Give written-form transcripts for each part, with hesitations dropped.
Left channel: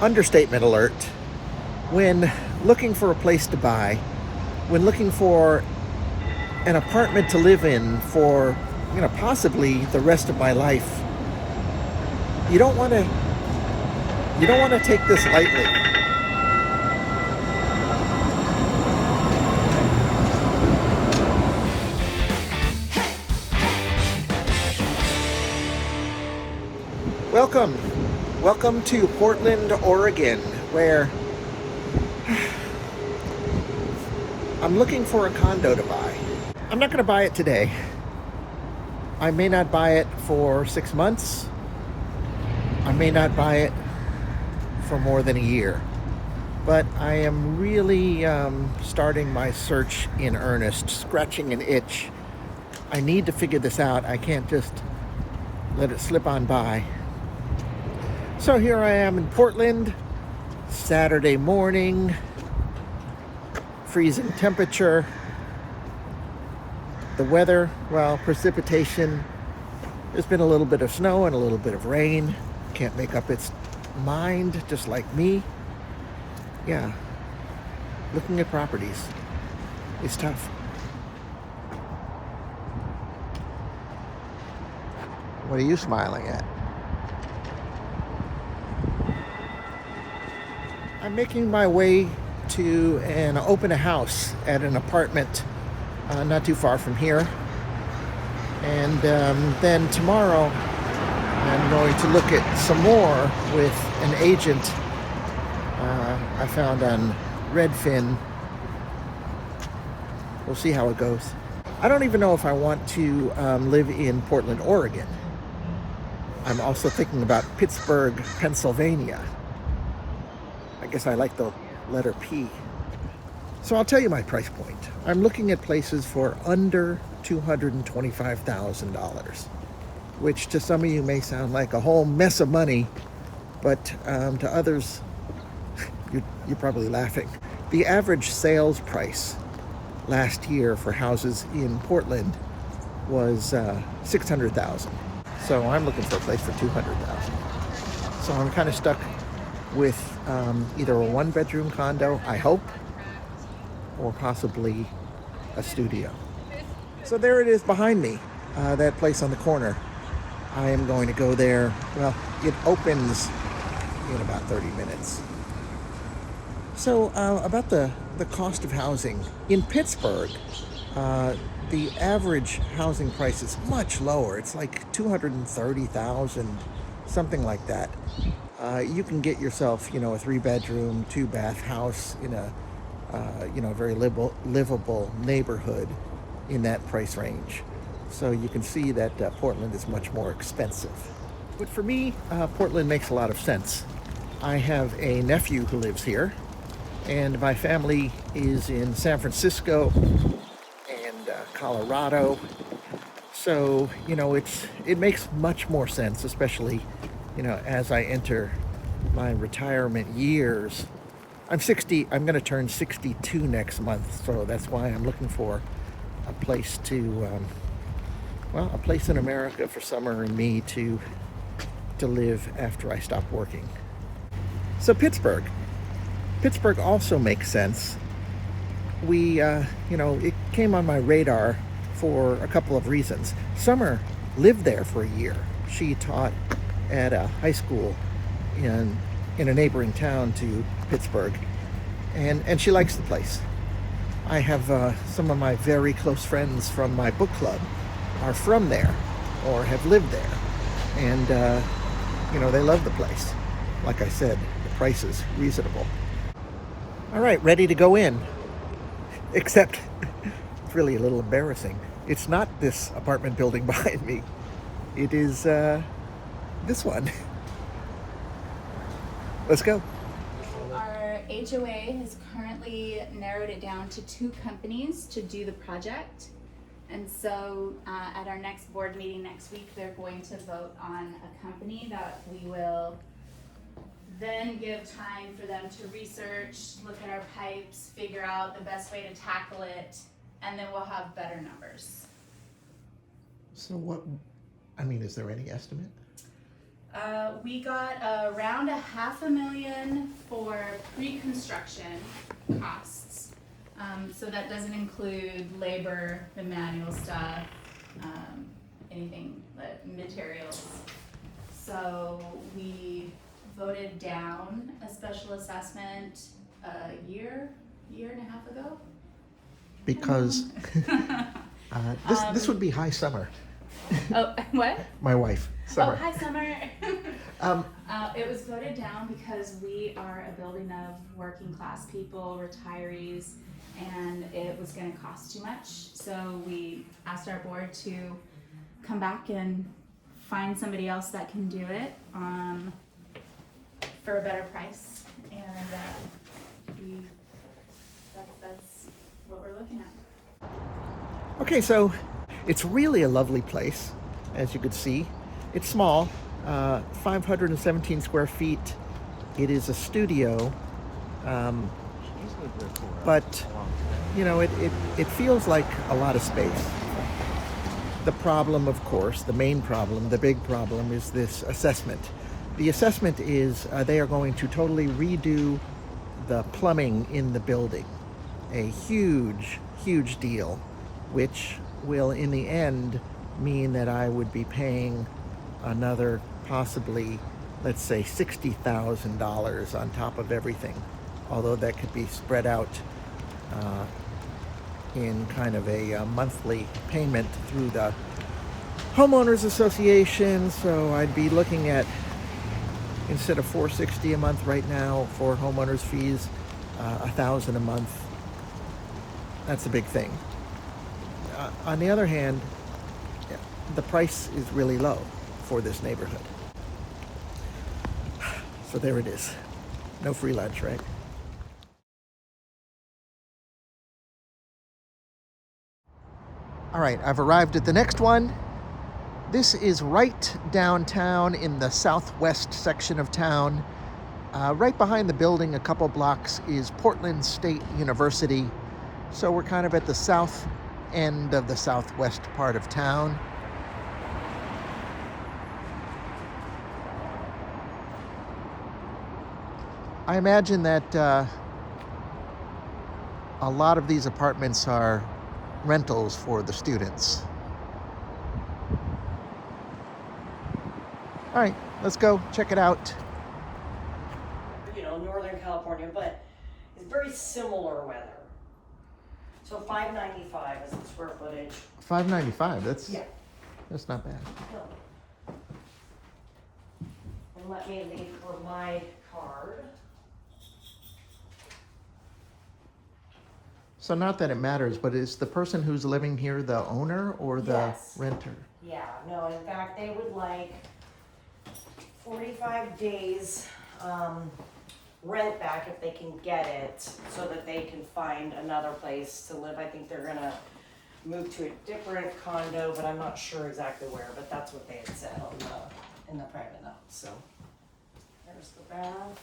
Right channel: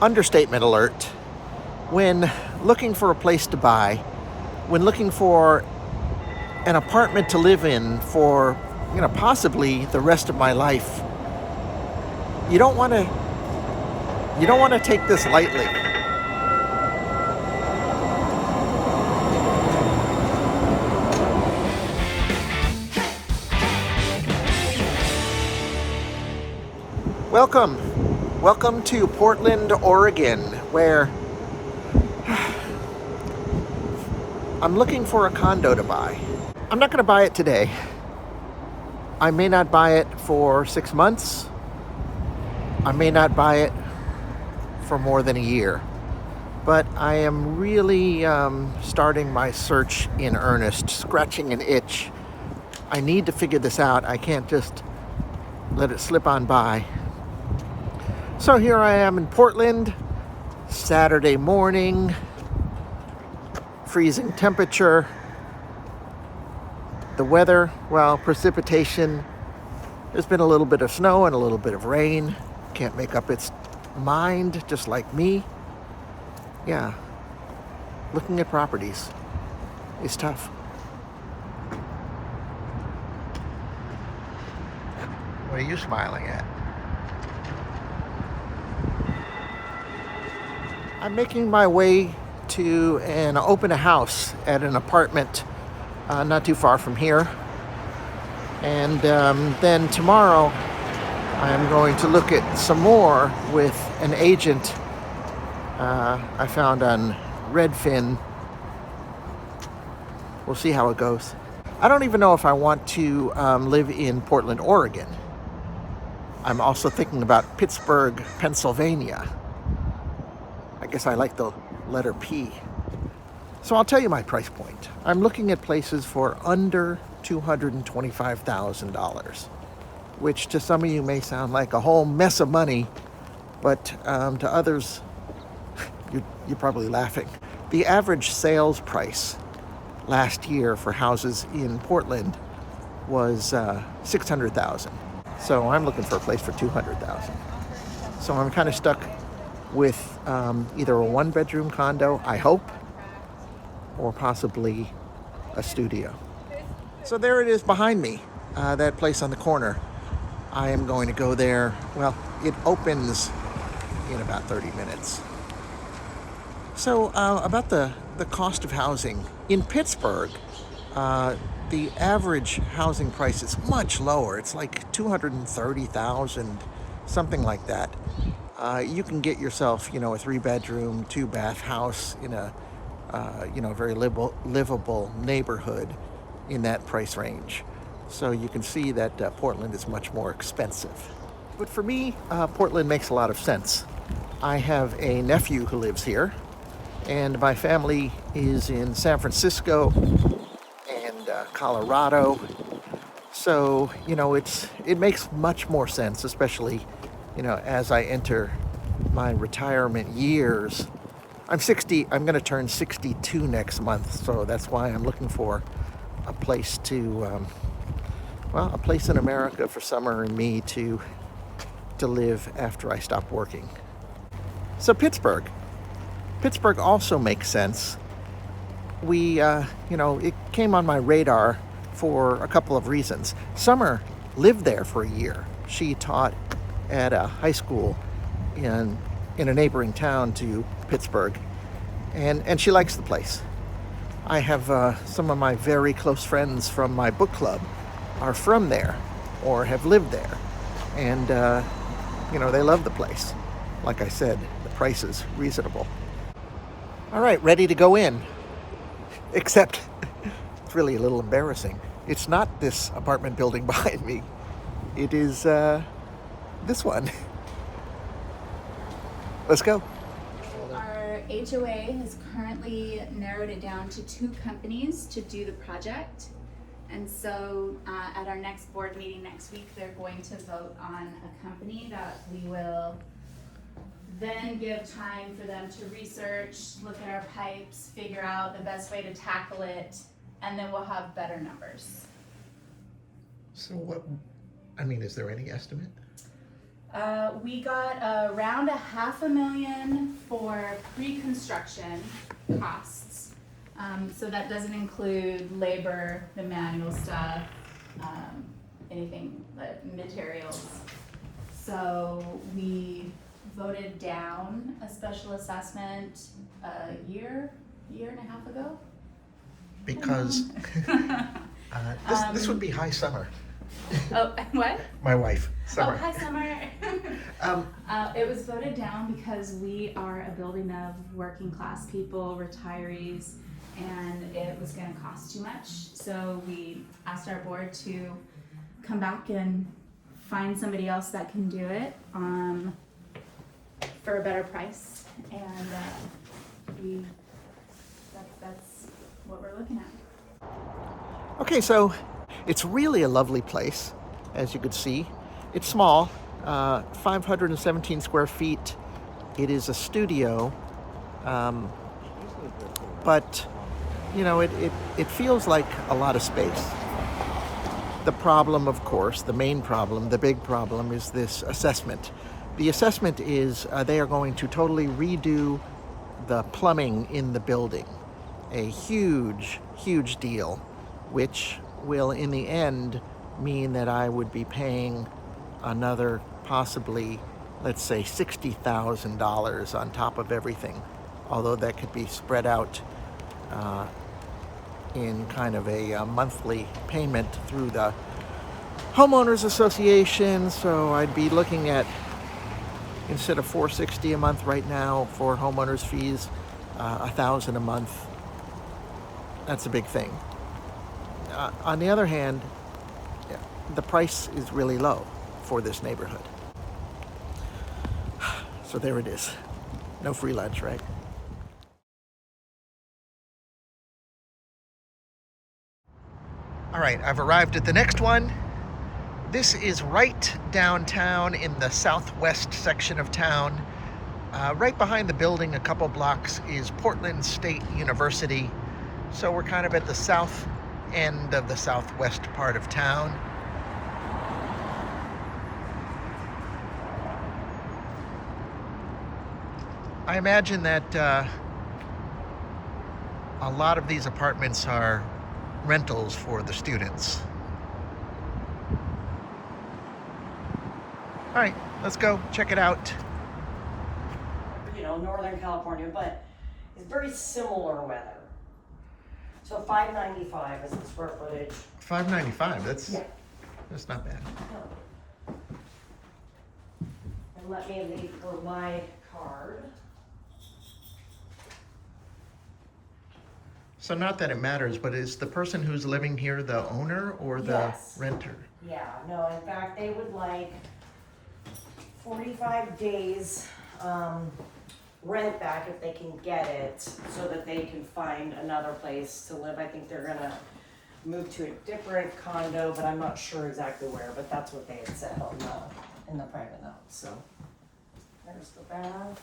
understatement alert, when looking for a place to buy, when looking for an apartment to live in for, possibly the rest of my life, you don't want to take this lightly. Welcome to Portland, Oregon, where I'm looking for a condo to buy. I'm not going to buy it today. I may not buy it for 6 months. I may not buy it for more than a year. But I am really starting my search in earnest, scratching an itch. I need to figure this out. I can't just let it slip on by. So here I am in Portland, Saturday morning, freezing temperature. The weather, well, precipitation. There's been a little bit of snow and a little bit of rain. Can't make up its mind, just like me. Yeah, looking at properties is tough. What are you smiling at? I'm making my way to open a house at an apartment not too far from here. And then tomorrow I'm going to look at some more with an agent I found on Redfin. We'll see how it goes. I don't even know if I want to live in Portland, Oregon. I'm also thinking about Pittsburgh, Pennsylvania. I guess I like the letter P. So I'll tell you my price point. I'm looking at places for under $225,000, which to some of you may sound like a whole mess of money, but to others, you're probably laughing. The average sales price last year for houses in Portland was $600,000. So I'm looking for a place for $200,000. So I'm kind of stuck with either a one-bedroom condo, I hope, or possibly a studio. So there it is behind me, that place on the corner. I am going to go there. Well, it opens in about 30 minutes. So about the cost of housing in Pittsburgh, the average housing price is much lower. It's like $230,000, something like that. You can get yourself, a 3-bedroom, 2-bath house in a very livable neighborhood in that price range. So you can see that Portland is much more expensive. But for me, Portland makes a lot of sense. I have a nephew who lives here, and my family is in San Francisco and Colorado. So, it makes much more sense, especially, as I enter my retirement years. I'm 60, I'm going to turn 62 next month, so that's why I'm looking for a place to, a place in America for Summer and me to live after I stop working. So Pittsburgh also makes sense. We, it came on my radar for a couple of reasons. Summer lived there for a year. She taught at a high school in a neighboring town to Pittsburgh, and she likes the place. I have some of my very close friends from my book club are from there or have lived there, and they love the place. Like I said, the price is reasonable. All right, ready to go in, except it's really a little embarrassing. It's not this apartment building behind me. It is this one. Let's go. Our HOA has currently narrowed it down to 2 companies to do the project. And so at our next board meeting next week, they're going to vote on a company that we will then give time for them to research, look at our pipes, figure out the best way to tackle it, and then we'll have better numbers. So is there any estimate? We got around $500,000 for pre-construction costs. So that doesn't include labor, the manual stuff, anything, like materials. So we voted down a special assessment a year and a half ago. Because this would be high summer. Oh, what? My wife, Summer. Oh, hi, Summer. It was voted down because we are a building of working class people, retirees, and it was going to cost too much. So we asked our board to come back and find somebody else that can do it for a better price. And that's what we're looking at. Okay, so it's really a lovely place, as you could see. It's small, 517 square feet. It is a studio, but you know, it feels like a lot of space. The problem, of course, the main problem, the big problem is this assessment. The assessment is they are going to totally redo the plumbing in the building. A huge deal, which will in the end mean that I would be paying another possibly, let's say, $60,000 on top of everything, although that could be spread out in kind of a monthly payment through the homeowners association. So I'd be looking at, instead of $460 a month right now for homeowners fees, $1,000 a month. That's a big thing. On the other hand, the price is really low for this neighborhood. So there it is. No free lunch, right? All right, I've arrived at the next one. This is right downtown in the southwest section of town. Right behind the building, a couple blocks, is Portland State University. So we're kind of at the south end of the southwest part of town. I imagine that a lot of these apartments are rentals for the students. All right, let's go check it out. You know, Northern California, but it's very similar weather. So $595 is the square footage. $595. Yeah. That's not bad. No. And let me leave for my card. So not that it matters, but is the person who's living here the owner or the Yes. renter? Yeah, no, in fact, they would like 45 days rent back if they can get it, so that they can find another place to live. I think they're gonna move to a different condo, but I'm not sure exactly where, but that's what they had said in the private note, so. There's the bath.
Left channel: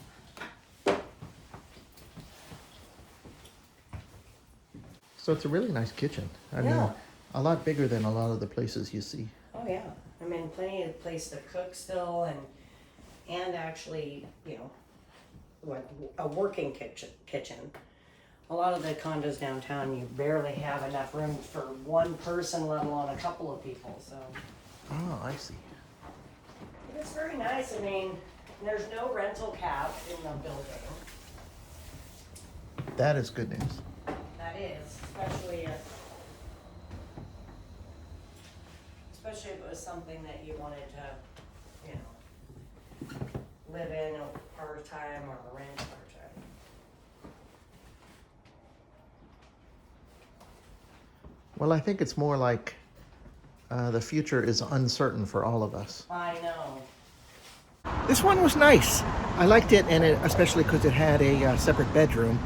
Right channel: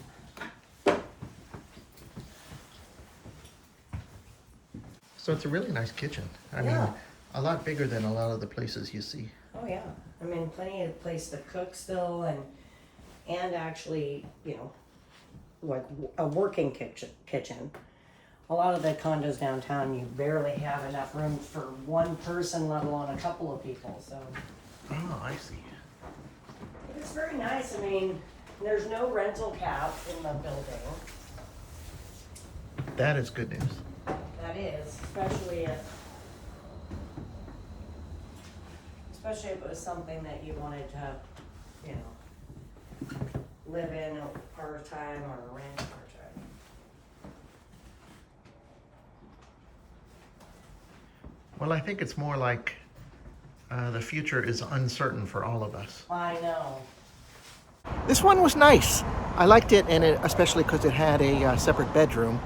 So it's a really nice kitchen. I Yeah. mean, a lot bigger than a lot of the places you see. Oh yeah, I mean, plenty of place to cook still, and actually, you know, what, a working kitchen. A lot of the condos downtown, you barely have enough room for one person, let alone a couple of people, so. Oh, I see. It's very nice. I mean, there's no rental cap in the building. That is good news. That is, especially if it was something that you wanted to, you know, live in or part-time or rent part-time. Well, I think it's more like the future is uncertain for all of us. I know. This one was nice. I liked it, and especially because it had a separate bedroom.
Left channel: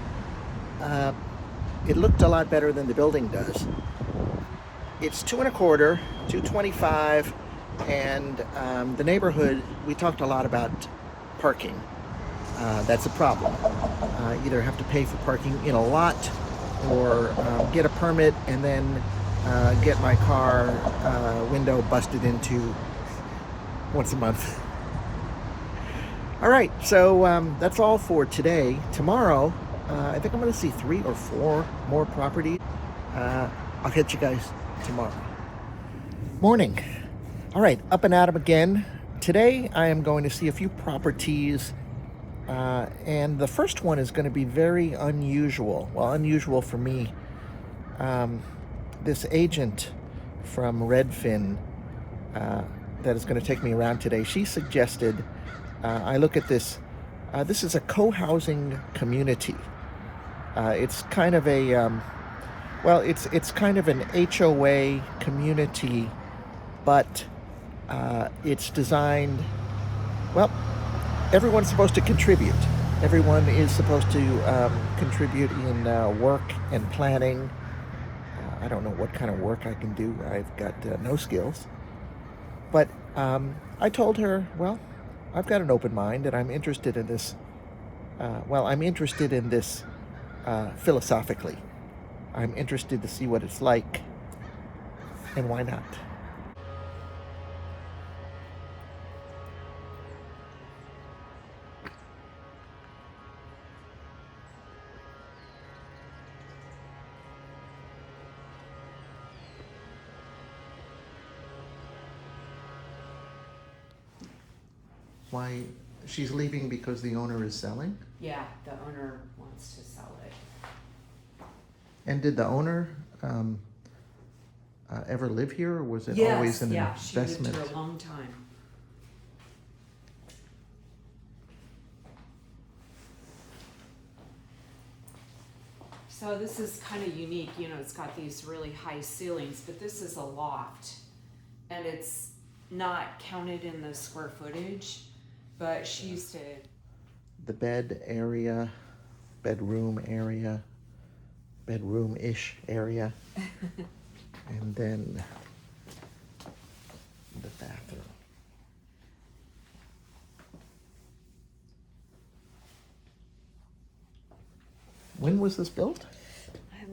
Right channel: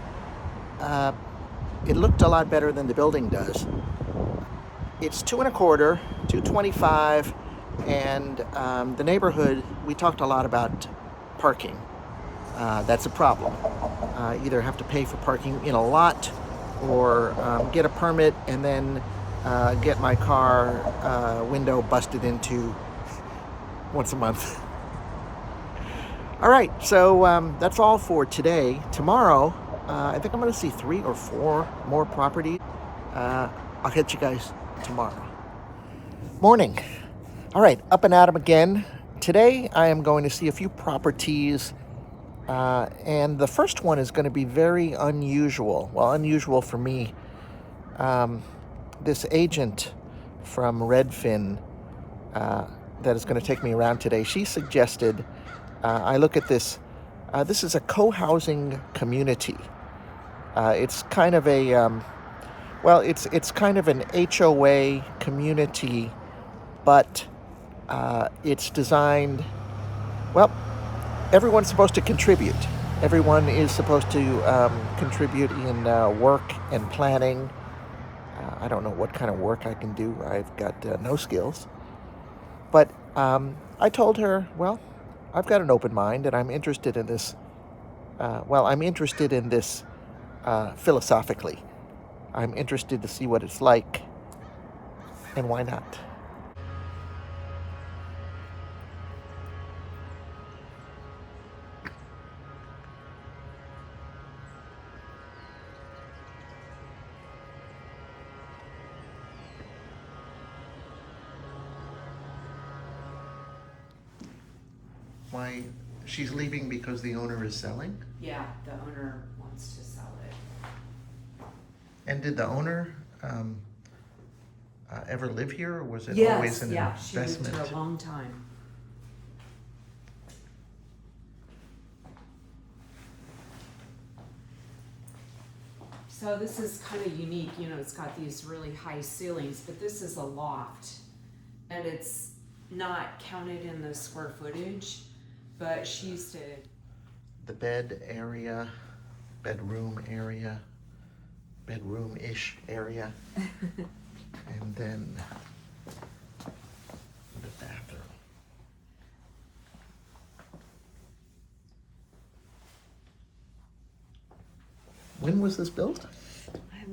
It looked a lot better than the building does. It's 225, 225, and the neighborhood, we talked a lot about parking. That's a problem. Either have to pay for parking in a lot or get a permit and then get my car window busted into once a month. All right, so that's all for today. Tomorrow, I think I'm going to see 3 or 4 more properties. I'll catch you guys tomorrow. Morning. All right, up and at 'em again. Today, I am going to see a few properties, and the first one is going to be very unusual. Well, unusual for me. This agent from Redfin that is going to take me around today, she suggested I look at this. This is a co-housing community. It's kind of a it's kind of an HOA community, but it's designed. Well, everyone's supposed to contribute. Everyone is supposed to contribute in work and planning. I don't know what kind of work I can do. I've got no skills. But I told her, well, I've got an open mind and I'm interested in this. I'm interested in this philosophically. I'm interested to see what it's like, and why not? Why, she's leaving because the owner is selling? Yeah, the owner wants to sell it. And did the owner ever live here, or was it always an She lived investment? here a long time. So this is kind of unique, you know, it's got these really high ceilings, but this is a loft. And it's not counted in the square footage, but she used to... The bed area, bedroom-ish area, and then the bathroom. When was this built?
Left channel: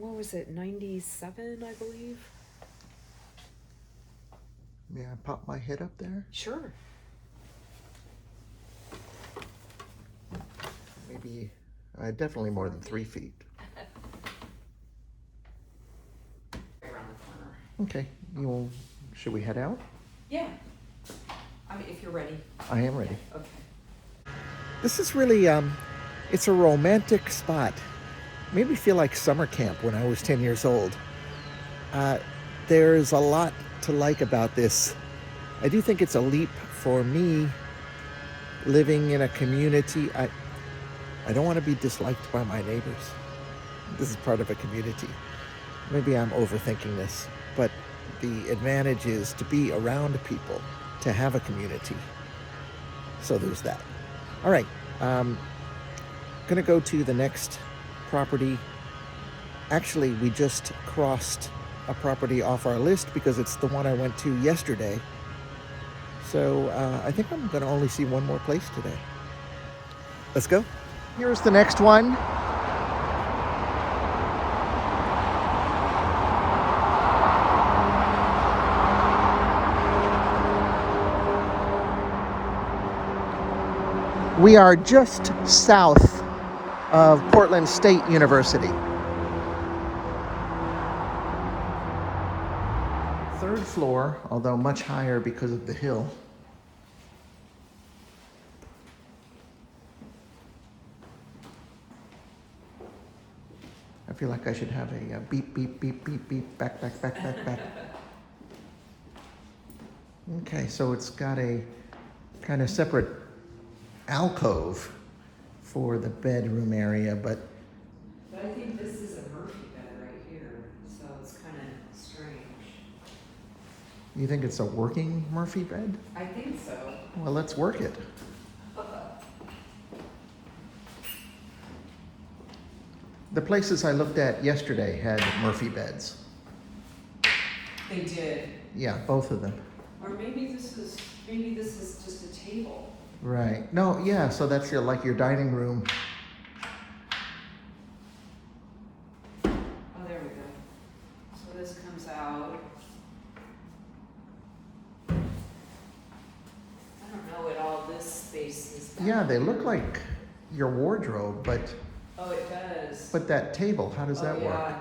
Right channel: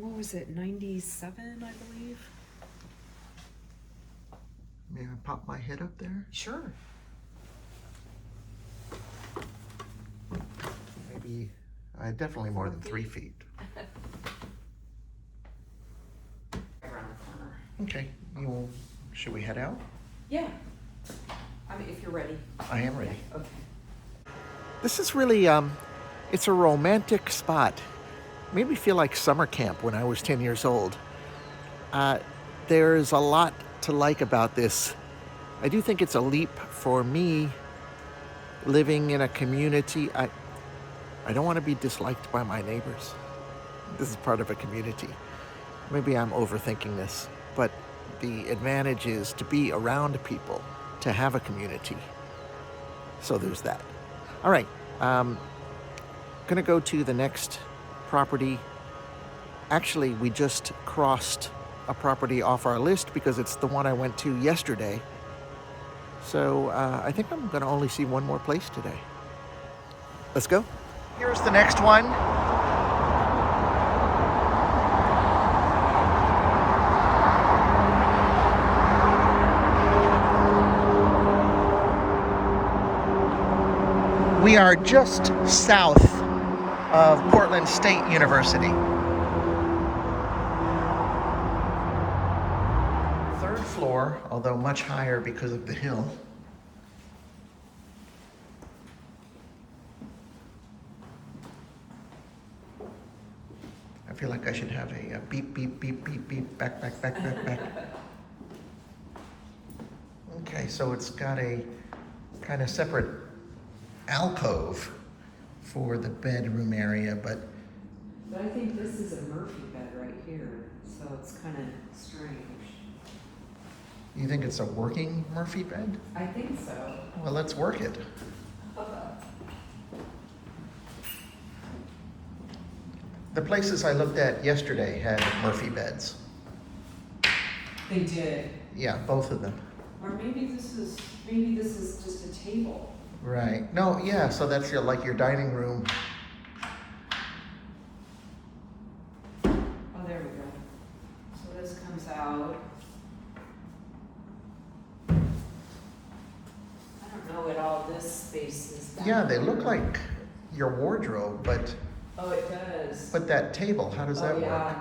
What was it, 97, I believe? May I pop my head up there? Sure. Maybe, definitely more than 3 feet. Around the corner. Okay, should we head out? Yeah. I mean, if you're ready. I am ready. Yeah, okay. This is really, it's a romantic spot. Made me feel like summer camp when I was 10 years old. There's a lot to like about this. I do think it's a leap for me living in a community. I don't want to be disliked by my neighbors. This is part of a community. Maybe I'm overthinking this, but the advantage is to be around people, to have a community. So there's that. All right, gonna go to the next property. Actually, we just crossed a property off our list because it's the one I went to yesterday. So I think I'm gonna only see one more place today. Let's go. Here's the next one. We are just south of Portland State University. Third floor, although much higher because of the hill. I feel like I should have a beep, beep, beep, beep, beep, back. Okay, so it's got a kind of separate alcove for the bedroom area, but I think this is a Murphy bed right here, so it's kind of strange. you think it's a working Murphy bed? I think so. Well, let's work it. The places I looked at yesterday had Murphy beds. They did. Yeah, both of them. Or maybe this is just a table. Right. No, yeah, so that's your dining room. Oh, there we go. So this comes out. I don't know what all this space is. Yeah, they your wardrobe, but Oh, it does. that table, how does that Oh, work? yeah.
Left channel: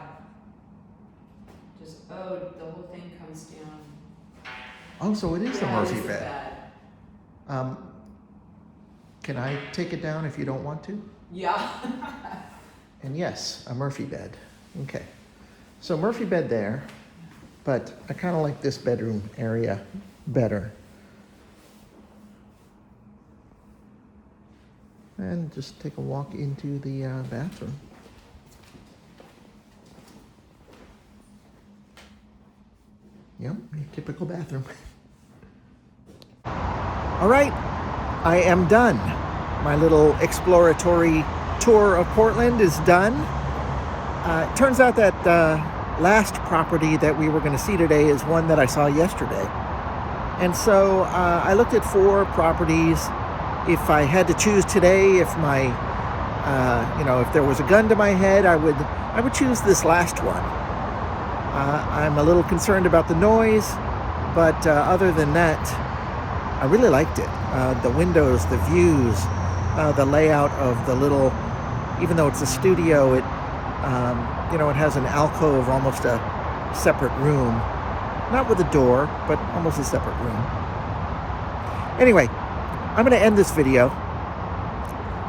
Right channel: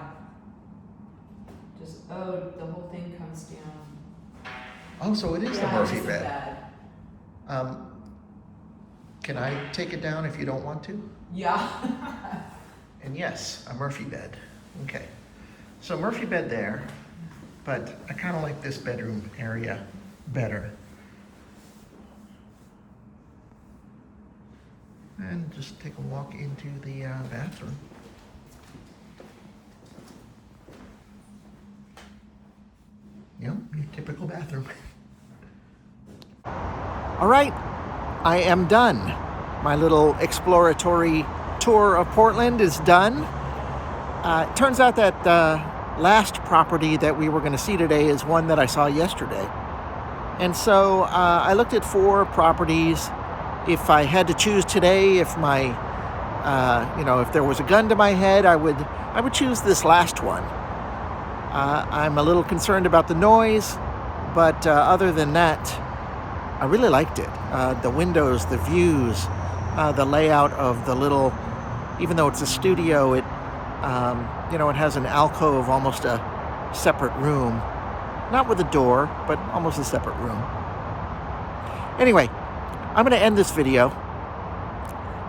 Just, the whole thing comes down. Oh, so it is the Yeah, it's Murphy the bed. bed. Can I take it down if you don't want to? Yeah. And yes, a Murphy bed. Okay. So Murphy bed there, but I kind of like this bedroom area better. And just take a walk into the bathroom. Yep, your typical bathroom. All right, I am done. My little exploratory tour of Portland is done. It turns out that the last property that we were going to see today is one that I saw yesterday. And so I looked at 4 properties. If I had to choose today, if my, if there was a gun to my head, I would choose this last one. I'm a little concerned about the noise, but other than that, I really liked it. The windows, the views, the layout of the little, even though it's a studio, it has an alcove, almost a separate room. Not with a door, but almost a separate room. Anyway, I'm going to end this video.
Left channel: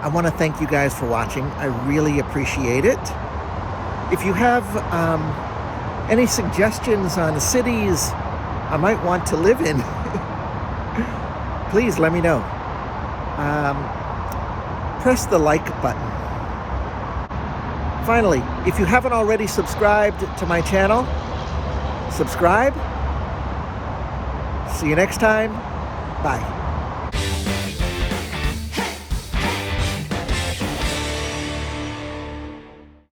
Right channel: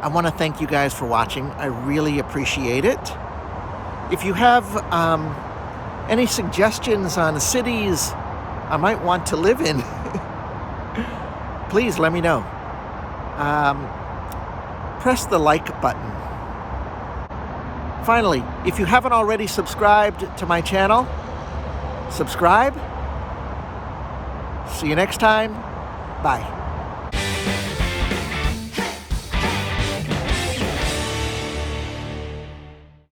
I want to thank you guys for watching. I really appreciate it. If you have any suggestions on cities I might want to live in, please let me know. Press the like button. Finally, if you haven't already subscribed to my channel, subscribe. See you next time. Bye.